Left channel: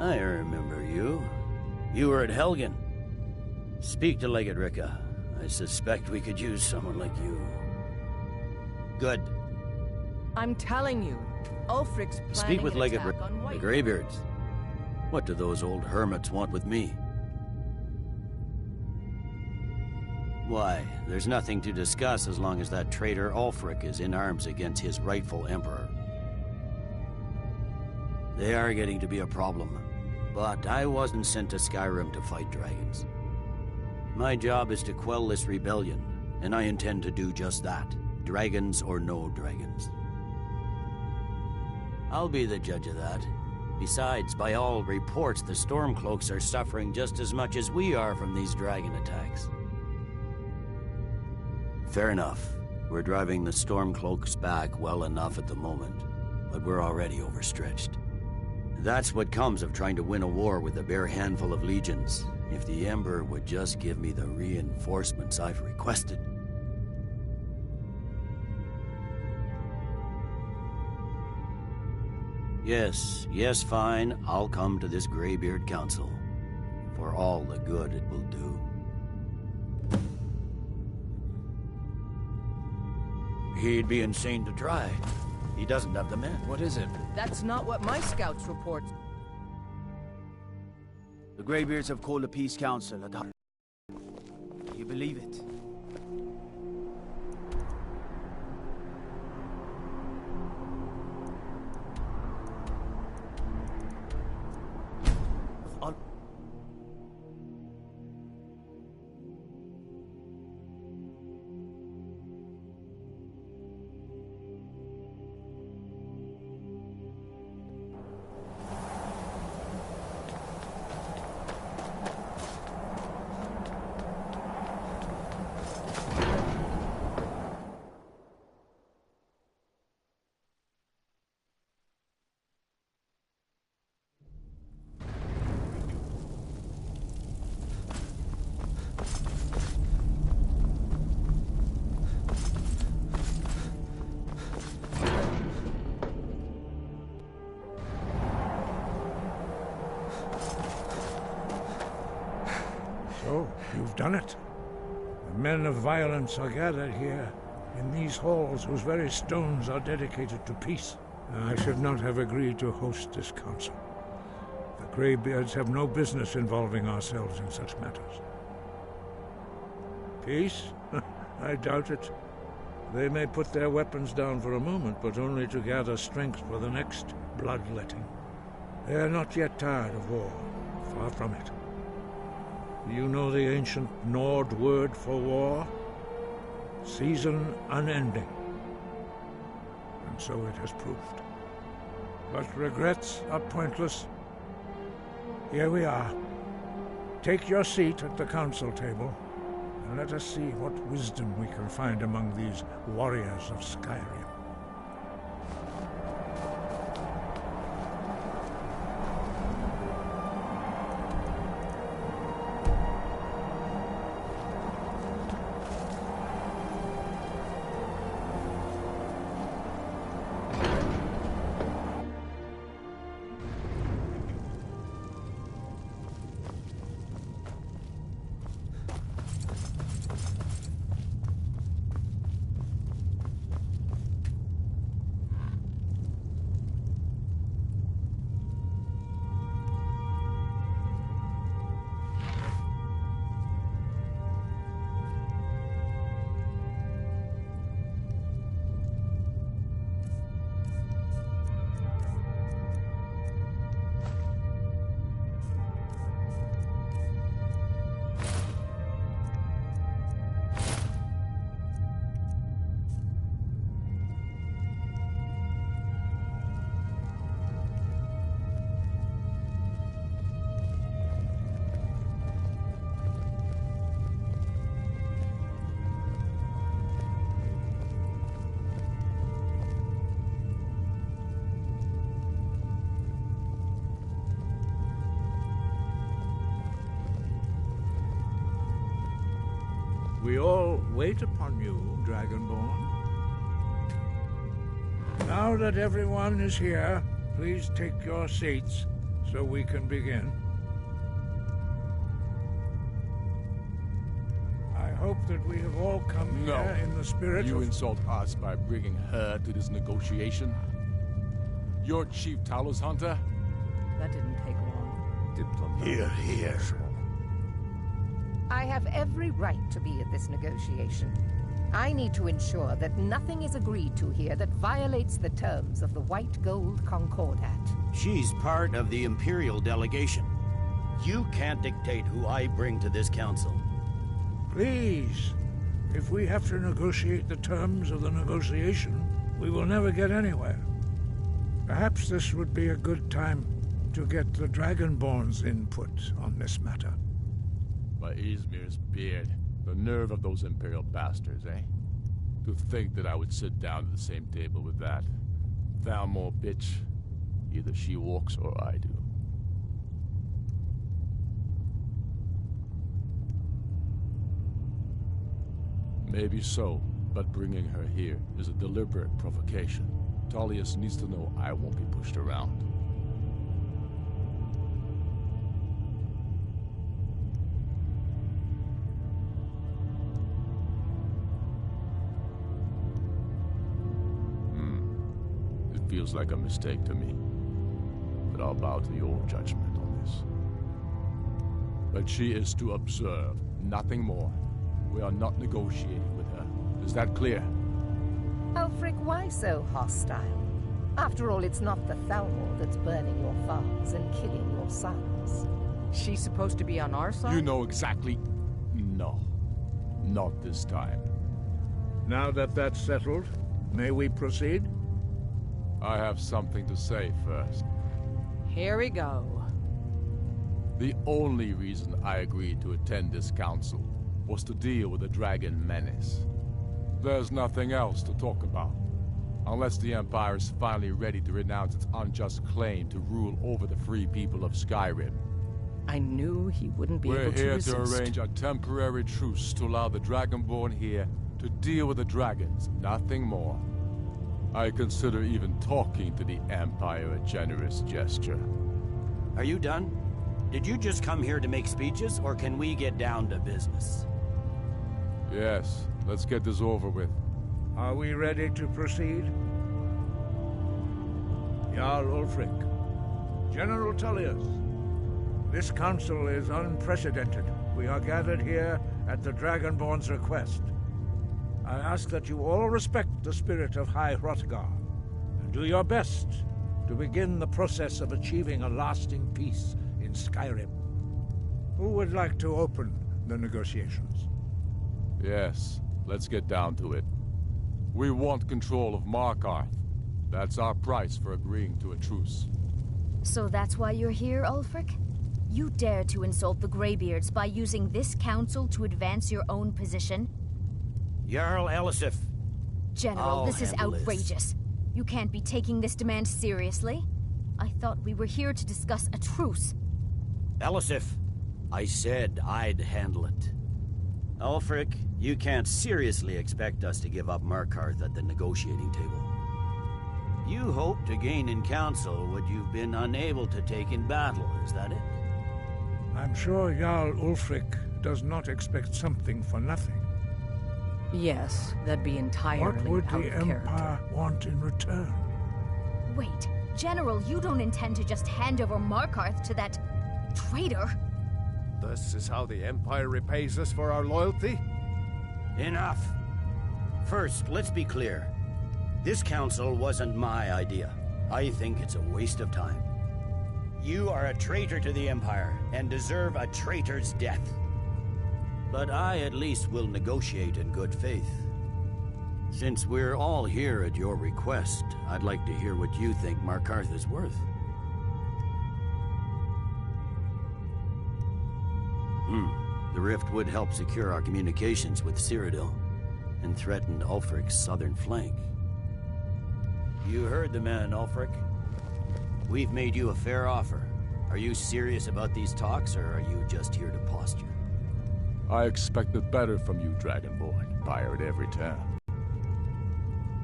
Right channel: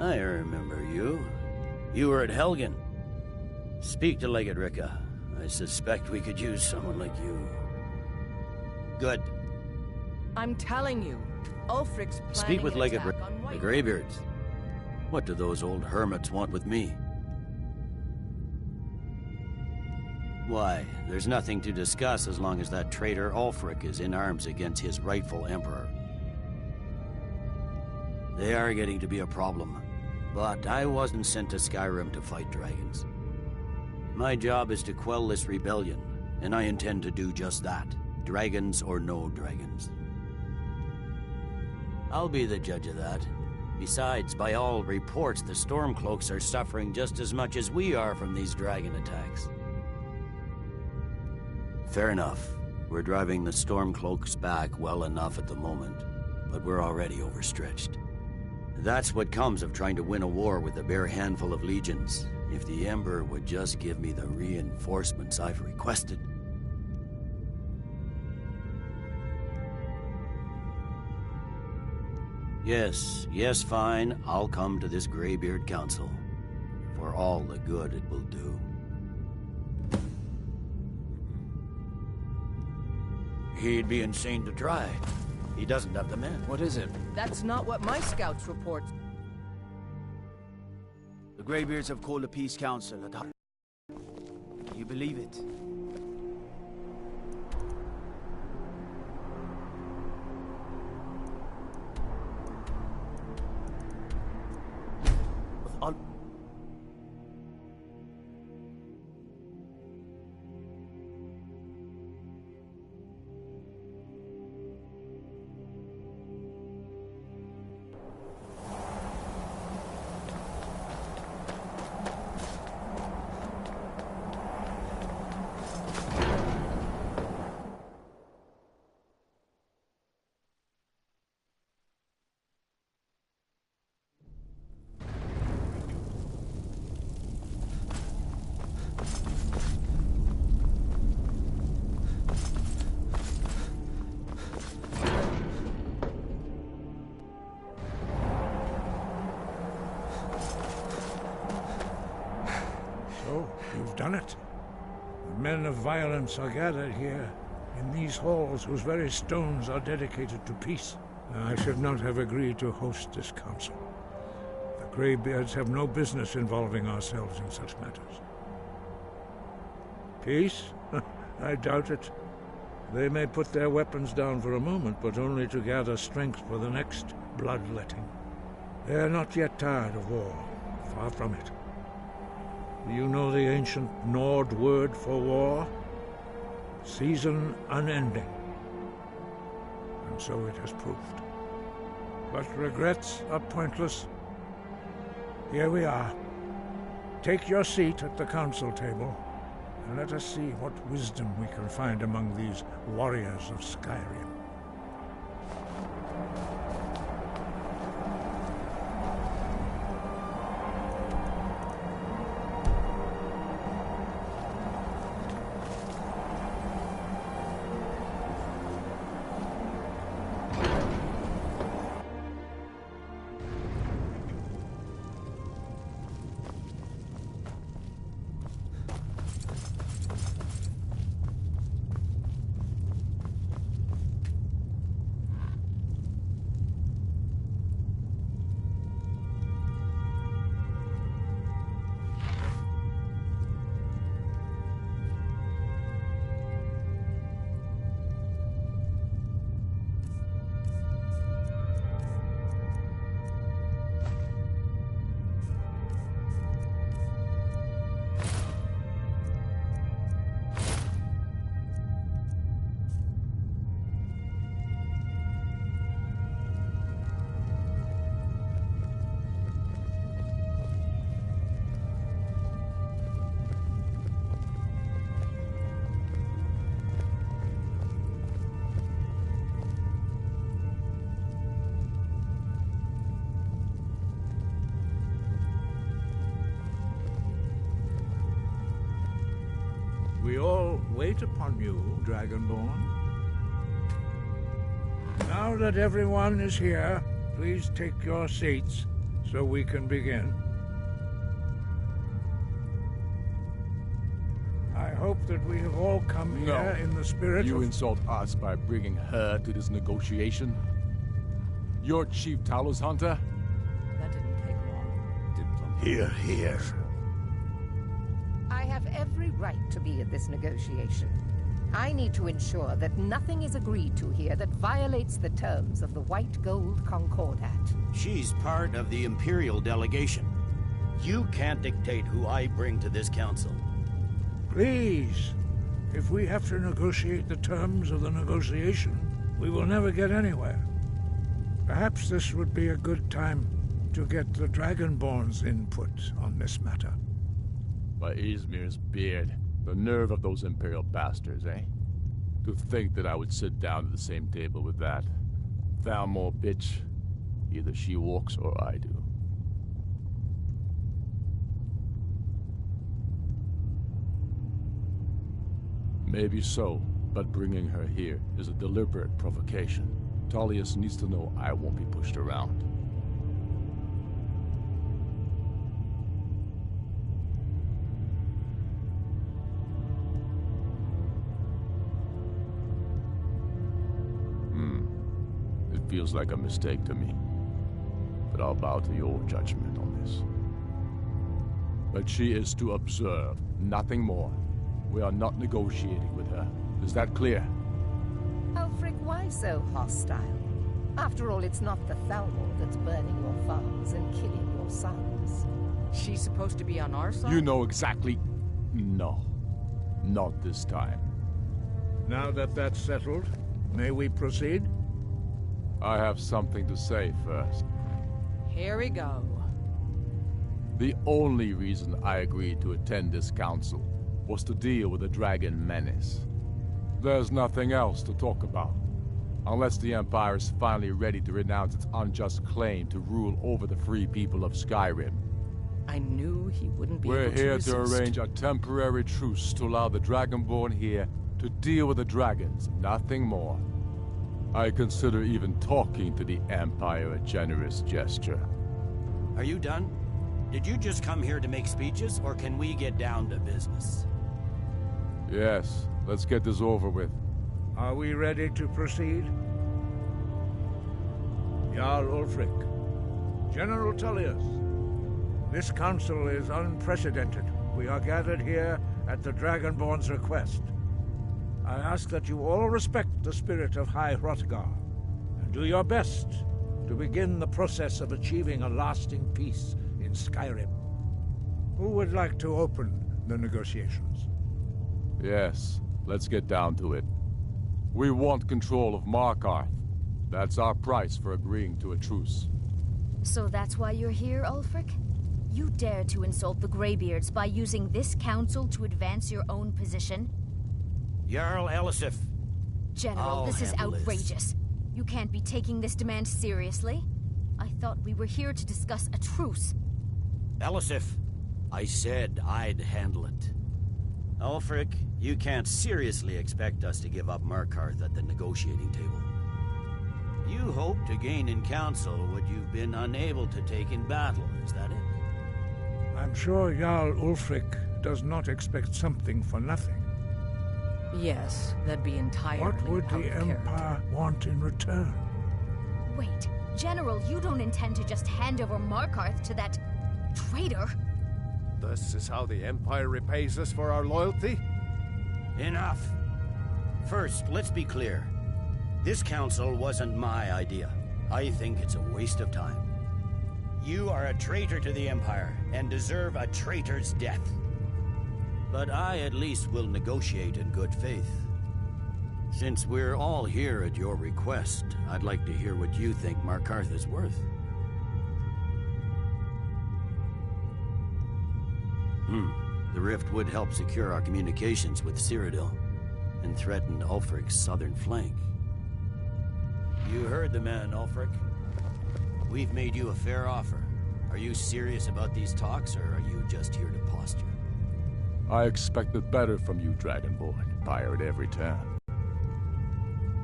I remember you. You were at Helgen. Speak to Legate Ricka. I suspect we could use someone like you. Good. I'm telling you, Ulfric's planning Speak with an Legate attack Ricka, on the White. Greybeards. What do those old hermits want with me? Why, there's nothing to discuss as long as that traitor Ulfric is in arms against his rightful emperor. They are getting to be a problem, but I wasn't sent to Skyrim to fight dragons. My job is to quell this rebellion, and I intend to do just that, dragons or no dragons. I'll be the judge of that. Besides, by all reports, the Stormcloaks are suffering just as much as we are from these dragon attacks. Fair enough. We're driving the Stormcloaks back well enough at the moment, but we're already overstretched. That's what comes of trying to win a war with a bare handful of legions. If the Emperor would just give me the reinforcements I've requested. Yes, fine. I'll come to this Greybeard Council. For all the good it will do. He'd be insane to try. He doesn't have the men. What is it? That's not what my scouts report. The Greybeards have called a peace council at Can you believe it? So, you've done it. The men of violence are gathered here, in these halls whose very stones are dedicated to peace. I should not have agreed to host this council. The Greybeards have no business involving ourselves in such matters. Peace? I doubt it. They may put their weapons down for a moment, but only to gather strength for the next bloodletting. They are not yet tired of war. Far from it. You know the ancient Nord word for war? Season unending. And so it has proved. But regrets are pointless. Here we are. Take your seat at the council table, and let us see what wisdom we can find among these warriors of Skyrim. We all wait upon you, Dragonborn. Now that everyone is here, please take your seats so we can begin. I hope that we have all come here in the spirit You of... insult us by bringing her to this negotiation? You're Chief Talos Hunter? That didn't take long. Here. I have every right to be at this negotiation. I need to ensure that nothing is agreed to here that violates the terms of the White Gold Concordat. She's part of the Imperial delegation. You can't dictate who I bring to this council. Please, if we have to negotiate the terms of the negotiation, we will never get anywhere. Perhaps this would be a good time to get the Dragonborn's input on this matter. By Izmir's beard. The nerve of those Imperial bastards, eh? To think that I would sit down at the same table with that Thalmor bitch. Either she walks or I do. Maybe so, but bringing her here is a deliberate provocation. Tullius needs to know I won't be pushed around. It feels like a mistake to me, but I'll bow to your judgment on this. But she is to observe, nothing more. We are not negotiating with her. Is that clear? Ulfric, why so hostile? After all, it's not the Thalmor that's burning your farms and killing your sons. She's supposed to be on our side? You know exactly... No. Not this time. Now that that's settled, may we proceed? I have something to say first. Here we go. The only reason I agreed to attend this council was to deal with the dragon menace. There's nothing else to talk about. Unless the Empire is finally ready to renounce its unjust claim to rule over the free people of Skyrim. I knew he wouldn't be We're able to here resist. to arrange a temporary truce to allow the Dragonborn here to deal with the dragons, nothing more. I consider even talking to the Empire a generous gesture. Are you done? Did you just come here to make speeches, or can we get down to business? Yes, let's get this over with. Are we ready to proceed? Jarl Ulfric, General Tullius, this council is unprecedented. We are gathered here at the Dragonborn's request. I ask that you all respect the spirit of High Hrothgar, and do your best to begin the process of achieving a lasting peace in Skyrim. Who would like to open the negotiations? Yes, let's get down to it. We want control of Markarth. That's our price for agreeing to a truce. So that's why you're here, Ulfric? You dare to insult the Greybeards by using this council to advance your own position? Jarl Elisif. General, this is handle this. outrageous. You can't be taking this demand seriously. I thought we were here to discuss a truce. Elisif, I said I'd handle it. Ulfric, you can't seriously expect us to give up Markarth at the negotiating table. You hope to gain in council what you've been unable to take in battle, is that it? I'm sure Jarl Ulfric does not expect something for nothing. Yes, that'd be entirely What would out the of character. Empire want in return? Wait, General, you don't intend to just hand over Markarth to that traitor? This is how the Empire repays us for our loyalty? Enough! First, let's be clear. This council wasn't my idea. I think it's a waste of time. You are a traitor to the Empire, and deserve a traitor's death. But I at least will negotiate in good faith. Since we're all here at your request, I'd like to hear what you think Markarth is worth. The rift would help secure our communications with Cyrodiil, and threaten Ulfric's southern flank. You heard the man, Ulfric. We've made you a fair offer. Are you serious about these talks, or are you just here to posture? I expected better from you, Dragonborn, fire at every turn.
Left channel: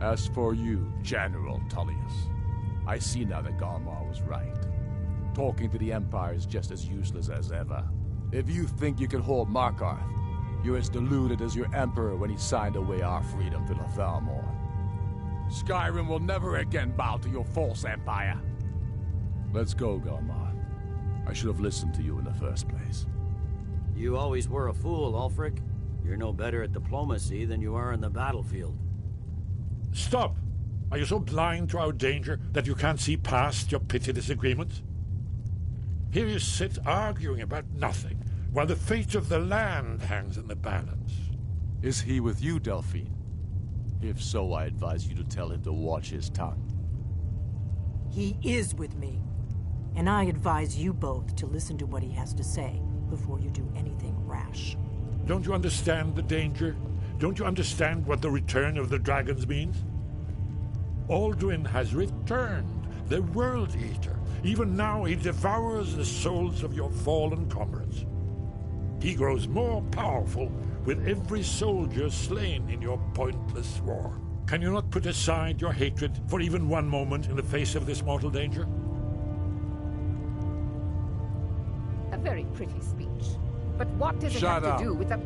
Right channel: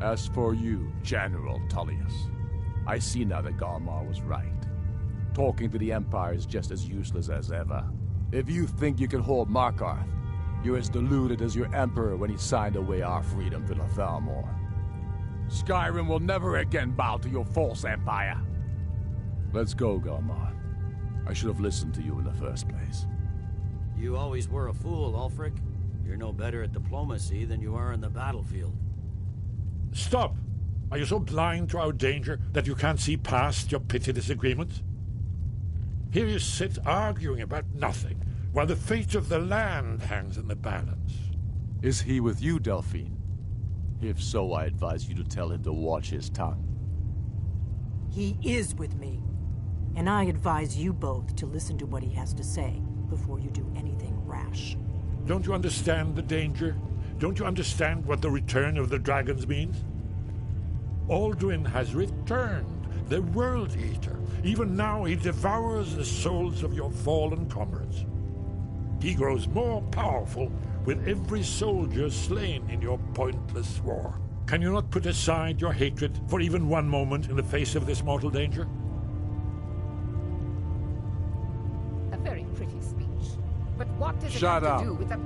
As for you, General Tullius, I see now that Galmar was right. Talking to the Empire is just as useless as ever. If you think you can hold Markarth, you're as deluded as your Emperor when he signed away our freedom to the Thalmor. Skyrim will never again bow to your false empire. Let's go, Galmar. I should have listened to you in the first place. You always were a fool, Ulfric. You're no better at diplomacy than you are in the battlefield. Stop! Are you so blind to our danger that you can't see past your petty disagreements? Here you sit arguing about nothing, while the fate of the land hangs in the balance. Is he with you, Delphine? If so, I advise you to tell him to watch his tongue. He is with me. And I advise you both to listen to what he has to say before you do anything rash. Don't you understand the danger? Don't you understand what the return of the dragons means? Alduin has returned, the World Eater. Even now he devours the souls of your fallen comrades. He grows more powerful with every soldier slain in your pointless war. Can you not put aside your hatred for even one moment in the face of this mortal danger? A very pretty speech. But what does it Shut have up. to do with the...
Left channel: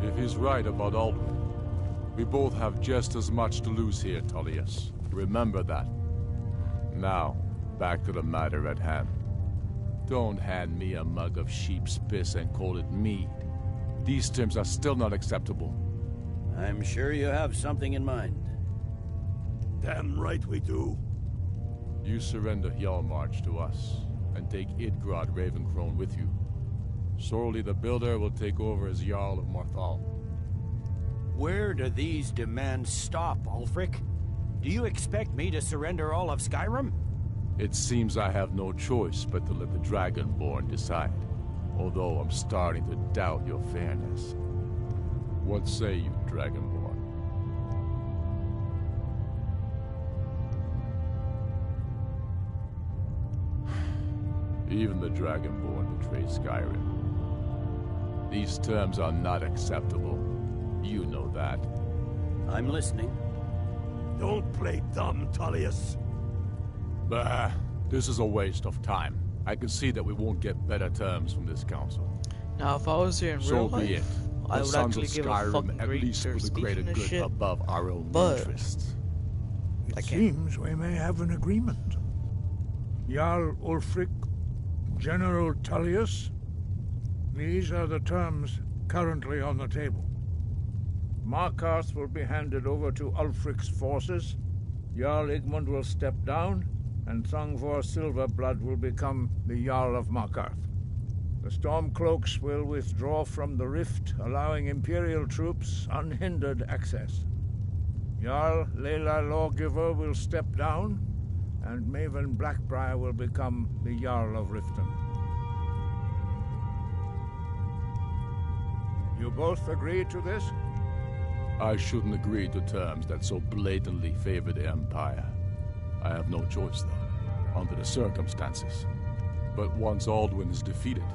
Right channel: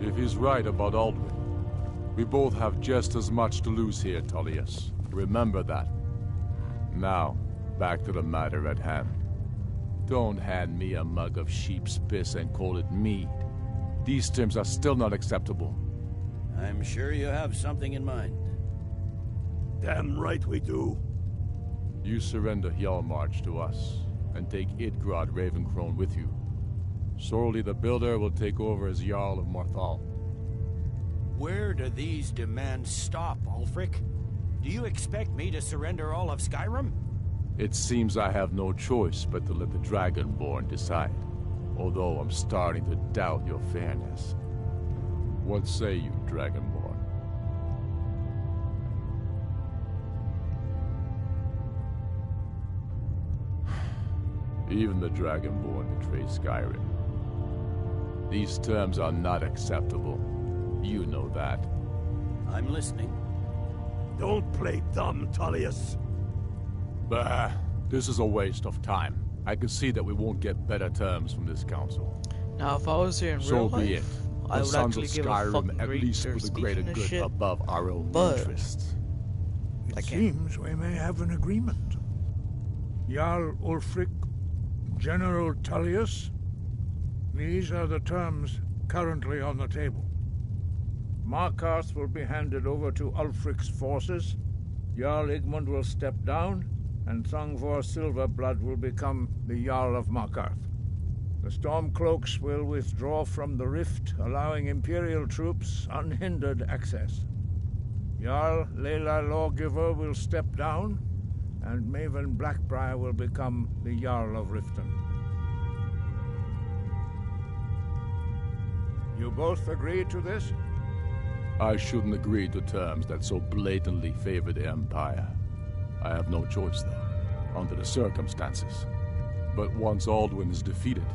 If he's right about Alduin, we both have just as much to lose here, Tullius. Remember that. Now, back to the matter at hand. Don't hand me a mug of sheep's piss and call it mead. These terms are still not acceptable. I'm sure you have something in mind. Damn right we do. You surrender Hjalmarch to us, and take Idgrod Ravencrone with you. Sorli the Builder will take over as Jarl of Morthal. Where do these demands stop, Ulfric? Do you expect me to surrender all of Skyrim? It seems I have no choice but to let the Dragonborn decide, although I'm starting to doubt your fairness. What say you, Dragonborn? Even the Dragonborn betray Skyrim. These terms are not acceptable. You know that. I'm listening. Don't play dumb, Tullius. Bah, this is a waste of time. I can see that we won't get better terms from this council. Now, if I was here in So real be it. life, The I would sons of actually give a Skyrim fucking at great least for for the greater speaking this good shit. above our own But- interests. It seems we may have an agreement. Jarl Ulfric, General Tullius, these are the terms currently on the table. Markarth will be handed over to Ulfric's forces, Jarl Igmund will step down, and Thongvor Silverblood will become the Jarl of Markarth. The Stormcloaks will withdraw from the rift, allowing Imperial troops unhindered access. Jarl Leila Lawgiver will step down, and Maven Blackbriar will become the Jarl of Riften. You both agree to this? I shouldn't agree to terms that so blatantly favor the Empire. I have no choice, though, under the circumstances. But once Alduin is defeated,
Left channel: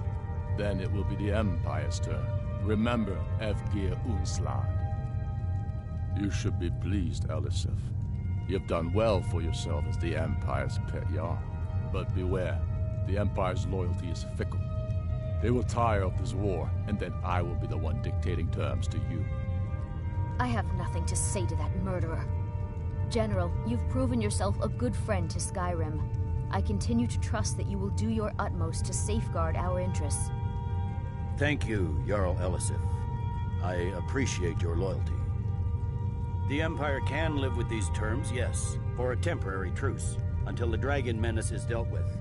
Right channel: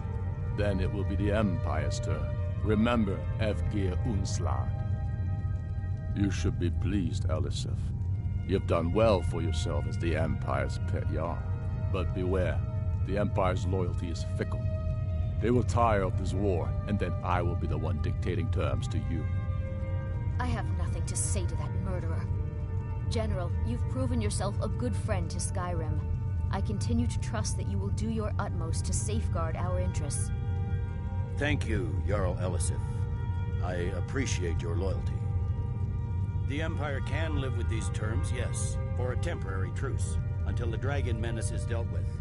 then it will be the Empire's turn. Remember Evgir Unslad. You should be pleased, Elisif. You've done well for yourself as the Empire's pet Jarl. But beware, the Empire's loyalty is fickle. They will tire of this war, and then I will be the one dictating terms to you. I have nothing to say to that murderer. General, you've proven yourself a good friend to Skyrim. I continue to trust that you will do your utmost to safeguard our interests. Thank you, Jarl Elisif. I appreciate your loyalty. The Empire can live with these terms, yes, for a temporary truce, until the dragon menace is dealt with.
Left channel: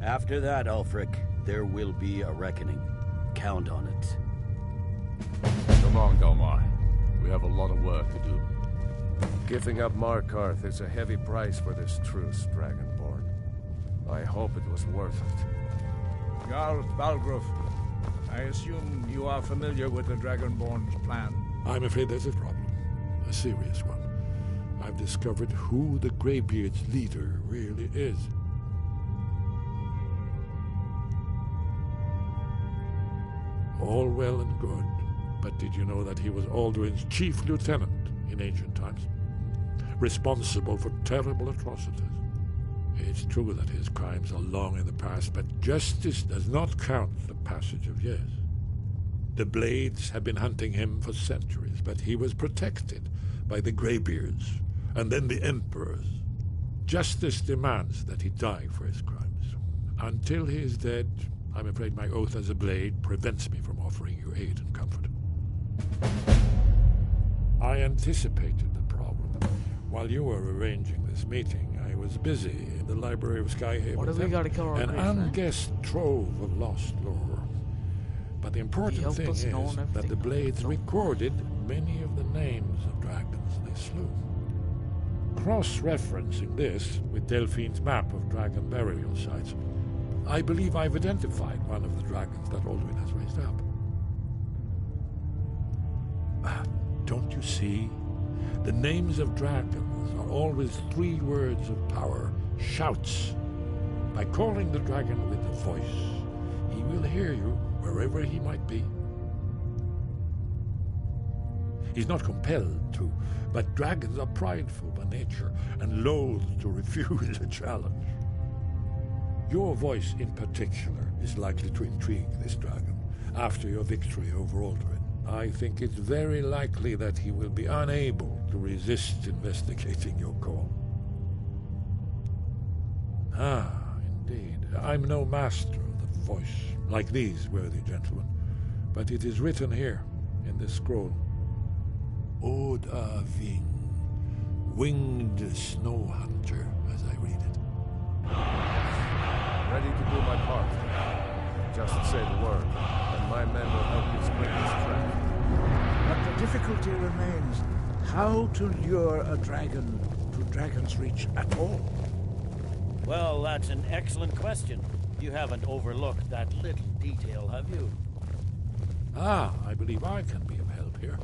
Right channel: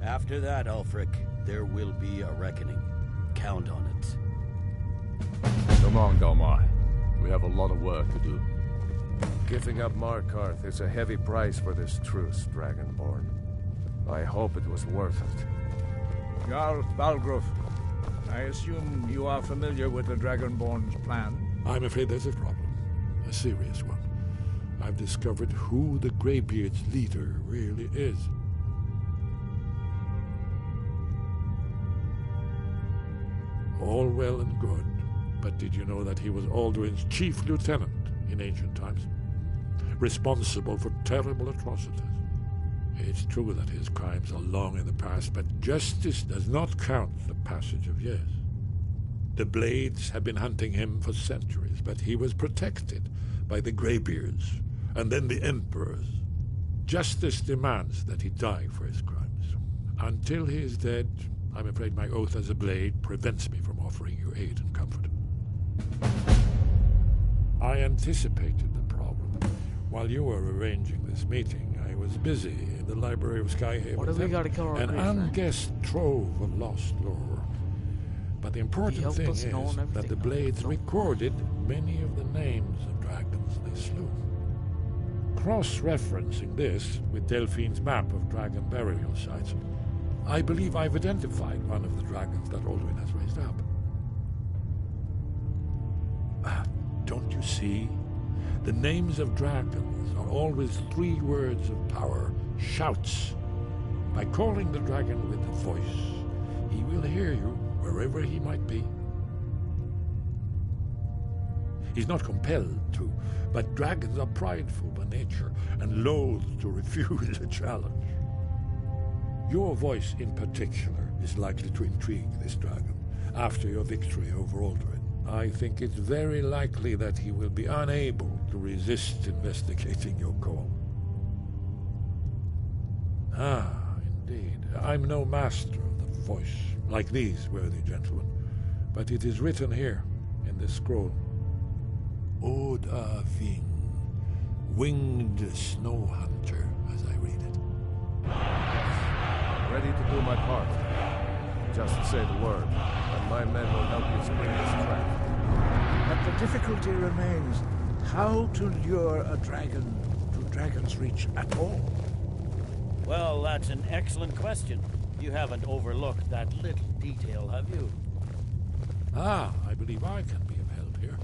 After that, Ulfric, there will be a reckoning. Count on it. Come on, Galmar. We have a lot of work to do. Giving up Markarth is a heavy price for this truce, Dragonborn. I hope it was worth it. Jarl Balgruf, I assume you are familiar with the Dragonborn's plan? I'm afraid there's a problem. A serious one. I've discovered who the Greybeard's leader really is. All well and good, but did you know that he was Alduin's chief lieutenant in ancient times? Responsible for terrible atrocities. It's true that his crimes are long in the past, but justice does not count the passage of years. The Blades have been hunting him for centuries, but he was protected by the Greybeards, and then the Emperors. Justice demands that he die for his crimes. Until he is dead, I'm afraid my oath as a Blade prevents me from offering you aid and comfort. I anticipated the problem. While you were arranging this meeting, I was busy in the library of Skyhaven. What have we got to cover? An unguessed trove of lost lore. But the important thing is that the Blades recorded many of the names of dragons they slew. Cross-referencing this with Delphine's map of dragon burial sites, I believe I've identified one of the dragons that Alduin has raised up. Don't you see? The names of dragons are always 3 words of power, shouts. By calling the dragon with a voice, he will hear you wherever he might be. He's not compelled to, but dragons are prideful by nature and loath to refuse a challenge. Your voice in particular is likely to intrigue this dragon after your victory over Alduin. I think it's very likely that he will be unable to resist investigating your call. Ah, indeed. I'm no master of the voice, like these worthy gentlemen, but it is written here in this scroll. Oda Ving, winged snow hunter, as I read it. Yes, ready to do my part. Just say the word, and my men will help you spring this trap. But the difficulty remains how to lure a dragon to Dragon's Reach at all. Well, that's an excellent question. You haven't overlooked that little detail, have you? I believe I can be of help here.